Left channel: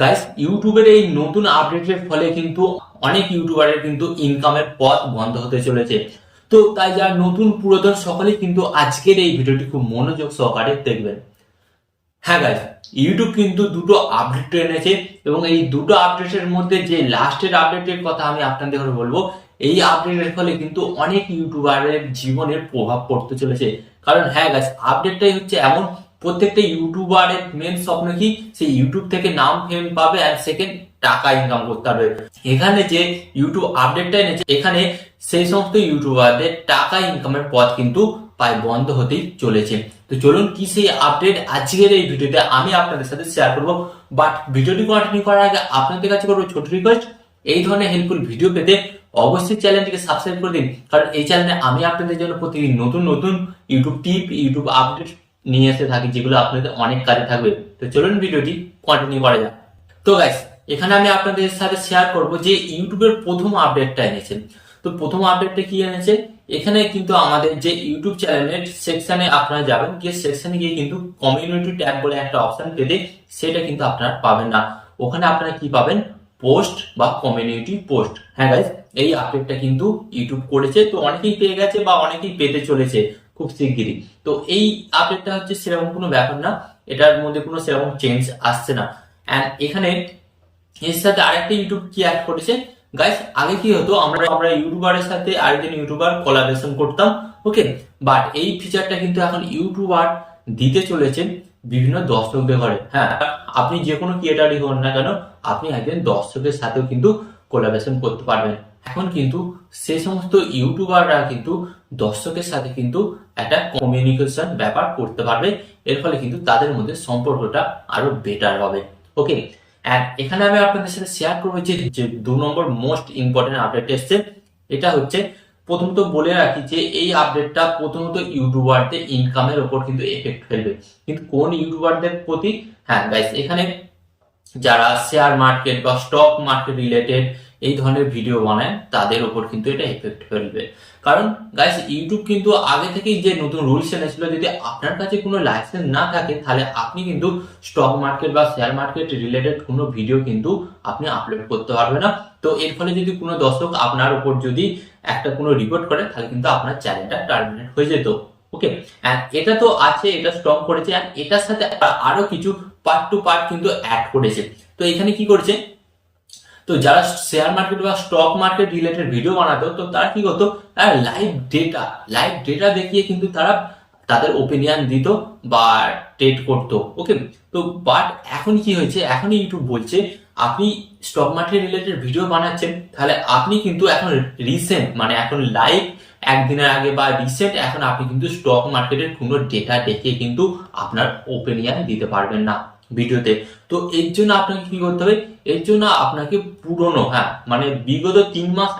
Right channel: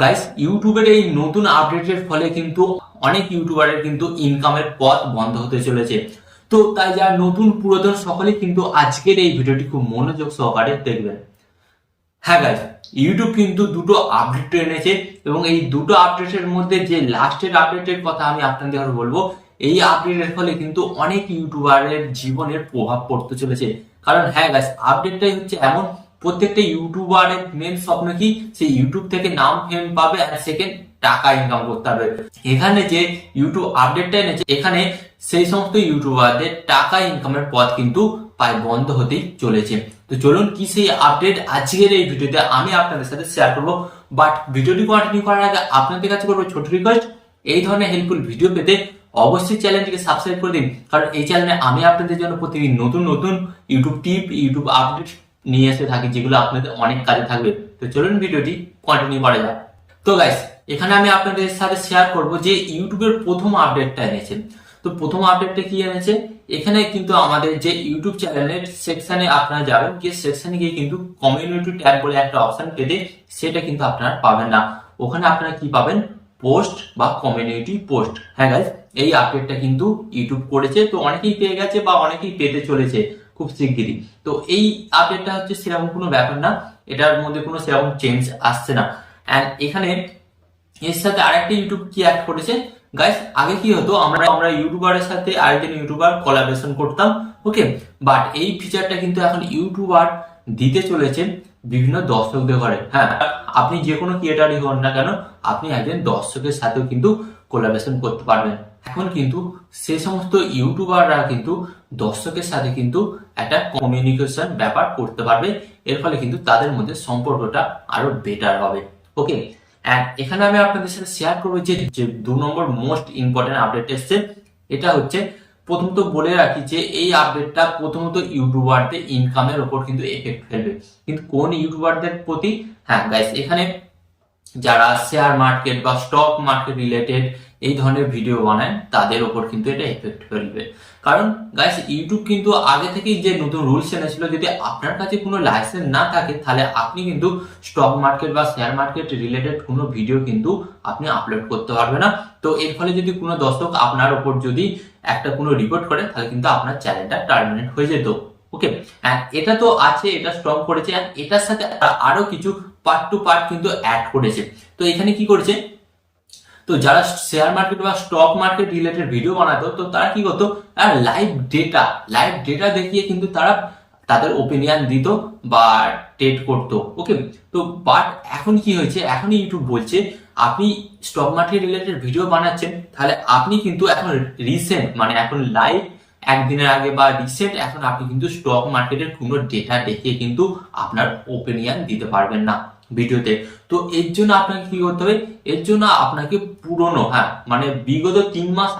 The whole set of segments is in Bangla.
গাইস, ইউটিউবের এই নতুন আপডেটের ফলে কিন্তু অনেক ইউটিউবারের কিন্তু ইনকামের পথ বন্ধ হতে চলেছে। তো তাই যারা নতুন পুরাতন সকলেই কিন্তু আজকের এই ভিডিওটি খুব মনোযোগ সহকারে দেখবেন। হ্যাঁ গাইস, ইউটিউব কিন্তু দুটো আপডেট এনেছে এবং এই দুটো আপডেটের মধ্যে যে লাস্টের আপডেটের কথা আমি আপনাদের বলবো, এই আপডেটের ফলে কিন্তু অনেক ইউটিউবারের জীবনের প্রভাব পড়তে চলেছে। কারণ হ্যাঁ গাইস, আপডেটটাই হচ্ছে এমন, প্রত্যেকটা ইউটিউবারের মেন স্বপ্ন কি, সেই ইউটিউব থেকে নাম ফেম পাবে আর সেকেন্ড টাকা ইনকাম করতে পারবে। এখানে যে ইউটিউব আপডেটটা এনেছে, এখানে সেই সমস্ত ইউটিউবারদের টাকা ইনকামের পথ কিন্তু প্রায় বন্ধ হতেই চলেছে। তো চলুন কি সেই আপডেট আজকের এই ভিডিওতে আমি আপনাদের সাথে শেয়ার করব। বাট ভিডিওটি কন্টিনিউ করার আগে আপনাদের কাছে করবো ছোট রিকোয়েস্ট, এই ধরনের হেল্পফুল ভিডিও পেতে অবশ্যই চ্যানেলটিকে সাবস্ক্রাইব করে দিন। কারণ এই চ্যানেলে আমি আপনাদের জন্য প্রতিদিন নতুন নতুন ইউটিউব টিপ, ইউটিউব আপডেট নিয়ে এসে থাকি, যেগুলো আপনাদের অনেক কাজে থাকবে। তো চলুন ভিডিওটি কন্টিনিউ করা যাক। তো গাইস, এখানে আমি আপনাদের সাথে শেয়ার করব যে ইউটিউবের প্রথম আপডেটটা এনেছে। তো প্রথম আপডেটটা কি এনেছে, এখানে কিন্তু আমাদের যে ইউটিউব চ্যানেলের সেকশনে আপনারা যাবেন, গিয়ে সেকশনে গিয়ে কিন্তু কমিউনিটি ট্যাব বলে একটা অপশন পেতে, সেটা কিন্তু আপনারা পাবেন না। ওখানে আপনারা কি পাবেন, পোস্ট বা কমিউনিটি পোস্ট। হ্যাঁ গাইস, এই আপডেটটা কিন্তু ইউটিউব করেছে, তো অনেকেই পেয়ে গেছে বা অনেকেই পেতে চলেছে খুব শিগগিরই। তো এই আপডেটটা হচ্ছে সেরকম কোনো ব্যাপার না, এটার মধ্যে কোনো সেরকম চেঞ্জ আসছে না। অ্যান্ড এখানে এর সাথে আরেকটা ইউটিউব কি অ্যাড করেছে গাইস, আগে কি হতো, আমরা ইউটিউবারের সাথে আরেকজন ইউটিউবার কোলাবরেশন করতাম, ওকে। বাট এই ফিচারটা কিন্তু এখন ইউটিউবার দিতে চলেছে বিভিন্ন দর্শকদের ঘরে। হ্যাঁ, আপনি যে কোনো ক্রিয়েটারই হন না কেন, আপনি একজন দর্শকের সাথেও কিন্তু কোলাবরেশন করতে পারবেন। এখন কিন্তু সে সমস্ত ইউটিউবাররা কিন্তু দর্শকের সাথে কিন্তু একটা কমিউনিকেশন ব্যাপার করতে পারবে। এর ফলে কিন্তু তাদের মধ্যে সম্পর্কটা আরো বেটার হবে, ওকে। এখানে আমি আপনাদের সাথে শেয়ার করবো যে 2 নম্বর মোস্ট ইম্পর্টেন্ট আপডেট এসছে। এটা হচ্ছে, প্রথমত বলে রাখি যে এই আপডেটটা প্রথমত ইউটিউবারদের ইনকামের ওপর কিন্তু এফেক্ট ফেলবে। কিন্তু কোন ইউটিউবারদের প্রতি, হ্যাঁ গাইস, এখানে যারা শেয়ার মার্কেট বা স্টক মার্কেট রিলেটেড এই ধরনের ভিডিও বানায় তাদের ওপর কিন্তু এটা এফেক্ট ফেলবে। কারণ গাইস, ইউটিউব কিন্তু আগে থেকেই যে নতুন রুলস এনেছিল, যদি আপনার কাছে কোনো লাইসেন্স না থাকে তাহলে আপনি কিন্তু স্টক মার্কেট বা শেয়ার মার্কেট রিলেটেড কোনো ভিডিও কিন্তু আপনি আপলোড করতে পারবে না। তো এর ফলে যদি কোনো দর্শক আপনার ওপর যদি একটা কোনো রিপোর্ট করে, তাহলে কিন্তু আপনার চ্যানেলটা টার্মিনেট হয়ে যেত, ওকে। এটা তো আছে, এটা স্ট্রং করেছে, আর এটার সাথে আরো কিছু পার্ট টু পার্ট কিন্তু অ্যাড করেছে। তো এখানে কি করেছে, তো যারা শেয়ার মার্কেট বা স্টক মার্কেট রিলেটেড ভিডিও বানাতো, তো তারা কি করতো, তারা লাইভ ডেটা দেখিয়ে কিন্তু তারা তাদের ওপিনিয়ন দিত বা ট্রেড করতো, ওকে। তো বাট এখন কি হয়েছে, এখন ইউটিউব বলছে আপনি স্টক মার্কেট রিলেটেড ভিডিও বানাচ্ছেন, তাহলে আপনি কিন্তু এখন রিসেন্ট, মানে এখন লাইভ একদিনের আগে বা রিসেন্ট, এখন আপনি কিন্তু স্টক মার্কেটের কোনো ডেটা দেখিয়ে কিন্তু আপনার ওপিনিয়ন দিতে পারবেন না ভিডিওতে। তো এর জন্য আপনাকে কি করতে হবে, এর জন্য আপনাকে পুরনো, হ্যাঁ মানে বিগত 3 মাস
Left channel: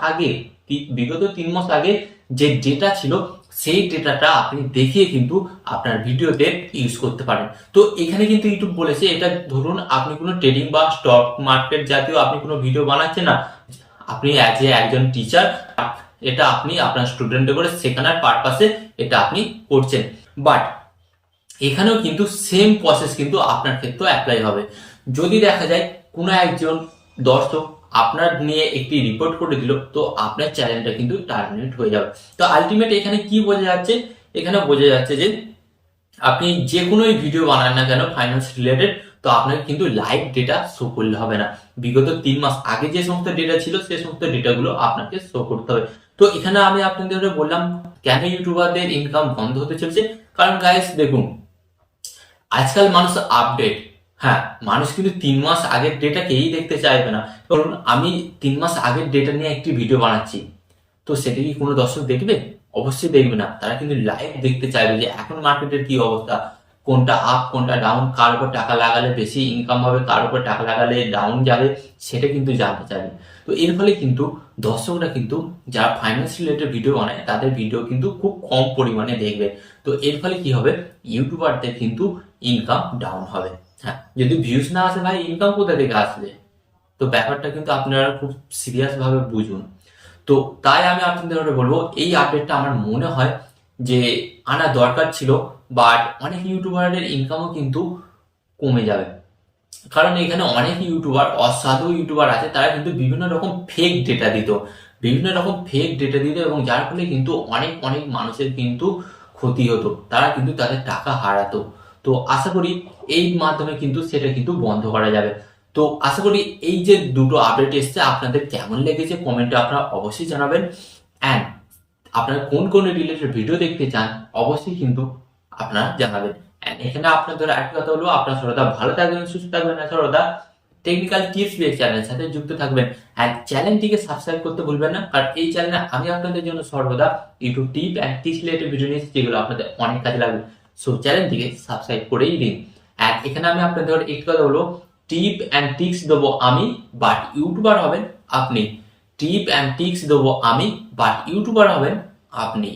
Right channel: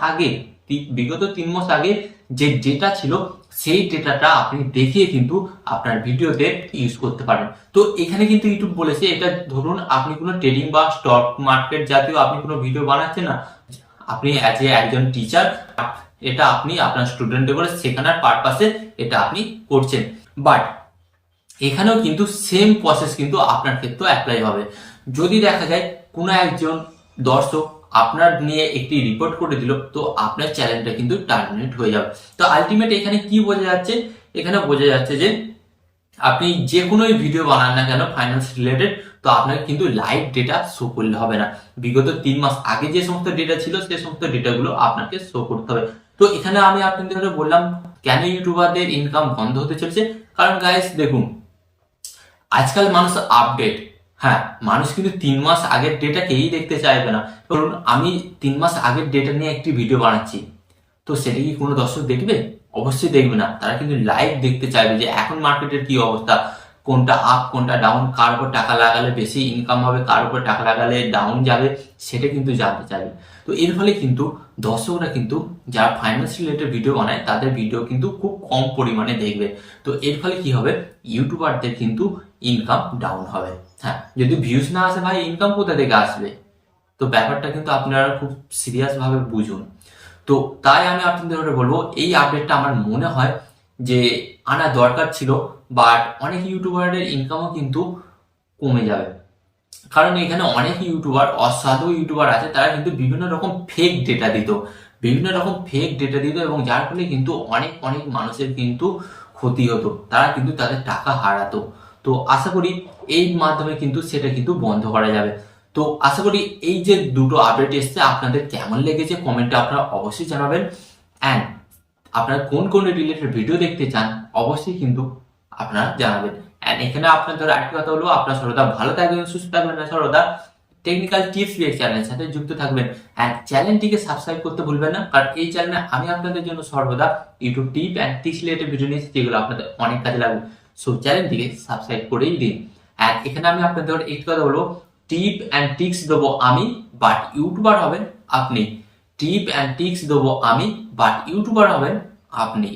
আগে যে ডেটা ছিল, সেই ডেটাটা আপনি দেখিয়ে কিন্তু আপনার ভিডিওতে ইউজ করতে পারেন। তো এখানে কিন্তু ইউটিউব বলেছে, এটা ধরুন আপনি কোনো ট্রেডিং বা স্টক মার্কেট জাতীয় আপনি কোনো ভিডিও বানাচ্ছেন না, আপনি অ্যাজ এ একজন টিচার, এটা আপনি আপনার স্টুডেন্টদের করে শেখানোর পারপাসে এটা আপনি করছেন। বাট এখানেও কিন্তু সেম প্রসেস কিন্তু আপনার ক্ষেত্রেও অ্যাপ্লাই হবে। যদি দেখা যায় কোনো একজন দর্শক আপনার নিয়ে একটি রিপোর্ট করে দিল, তো আপনার চ্যানেলটা কিন্তু টার্মিনেট হয়ে যাবে। তো আলটিমেট এখানে কি বোঝা যাচ্ছে, এখানে বোঝা যাচ্ছে যে আপনি যে কোনো ভিডিও বানান না কেন ফাইন্যান্স রিলেটেড, তো আপনাকে কিন্তু লাইভ ডেটা শো করলে হবে না। বিগত 3 মাস আগে যে সমস্ত ডেটা ছিল, সে সমস্ত ডেটাগুলো আপনাকে শো করতে হবে। তো এখানে আমি আপনাদের বললাম কেন ইউটিউবারদের ইনকাম বন্ধ হতে চলছে। কারণ গাইস দেখুন, আজকাল মানুষ আপডেট, হ্যাঁ মানুষ কিন্তু 3 মাস আগের ডেটা কেই দেখতে চাইবে না। ধরুন আমি 3 মাস আগের ডেটা নিয়ে একটি ভিডিও বানাচ্ছি, তো সেটা কি কোনো দর্শক দেখবে? অবশ্যই দেখবে না। তারা কিন্তু লাইভ দেখতে চাইবে যে এখন মার্কেটের কি অবস্থা, কোনটা আপ কোনটা ডাউন, কার উপর টাকা লাগালে বেশি ইনকাম হবে, কার উপর টাকা লাগালে ডাউন যাবে, সেটা কিন্তু জানতে চাইবে। তো এর ফলে কিন্তু দর্শকরা কিন্তু যারা ফাইন্যান্স রিলেটেড ভিডিও বানায় তাদের ভিডিও কিন্তু খুব কম পরিমাণে দেখবে। তো এর ফলে কি হবে, ইউটিউবারদের কিন্তু ইনকাম ডাউন হবে। হ্যাঁ, যদি ভিউজ না আসে ভাই, ইনকাম কোথা থেকে আসবে? তো ব্যাপারটা কিন্তু আপনারা খুব সিরিয়াস ভাবে বুঝুন। তো তাই আমি আপনাদের বলবো, এই আপডেটটা আমার মনে হয় যে আনা দরকার ছিল। বাট অনেক ইউটিউবারের ইনকামও কিন্তু কমে যাবে। কারণ এখানে অনেক ইউটিউবার, অসাধু ইউটিউবার আছে, তারা কিন্তু বিভিন্ন রকম ফেক ডেটা দিত, এবং যার ফলে কিন্তু অনেক অনেক মানুষের কিন্তু ক্ষতি হতো, তারা কিন্তু তাদের টাকা হারাতো। তো আশা করি এই মাধ্যমে কিন্তু সেটা কিন্তু বন্ধ করা যাবে। তো আশা করি এই যে দুটো আপডেট এসছে আপনাদের কেমন লেগেছে কমেন্টে আপনারা অবশ্যই জানাবেন। অ্যান্ড আপনারা কোন কোন রিলেটেড ভিডিও দেখতে চান অবশ্যই কিন্তু আপনারা জানাবেন। অ্যান্ড এখানে আপনাদের আরেকটি কথা হলো, আপনার সর্বদা ভালো থাকবেন, সুস্থ থাকবেন, আর সর্বদা টেকনিক্যাল টিপস বিএড চ্যানেলের সাথে যুক্ত থাকবেন। অ্যান্ড চ্যানেলটিকে সাবস্ক্রাইব করতে ভুলবেন না, কারণ এই চ্যানেলে আমি আপনাদের জন্য সর্বদা YouTube tip and tricks related video নিয়েছি, যেগুলো আপনাদের অনেক কাজে লাগবে। সো চ্যানেলটিকে সাবস্ক্রাইব করেই দিন। অ্যান্ড এখানে আমি আপনাদের একটি কথা বলবো, টিপ অ্যান্ড ট্রিক্স দেবো আমি, বাট ইউটিউবার হবেন আপনি। টিপ অ্যান্ড ট্রিক্স দেবো আমি, বাট ইউটিউবার হবেন আপনি।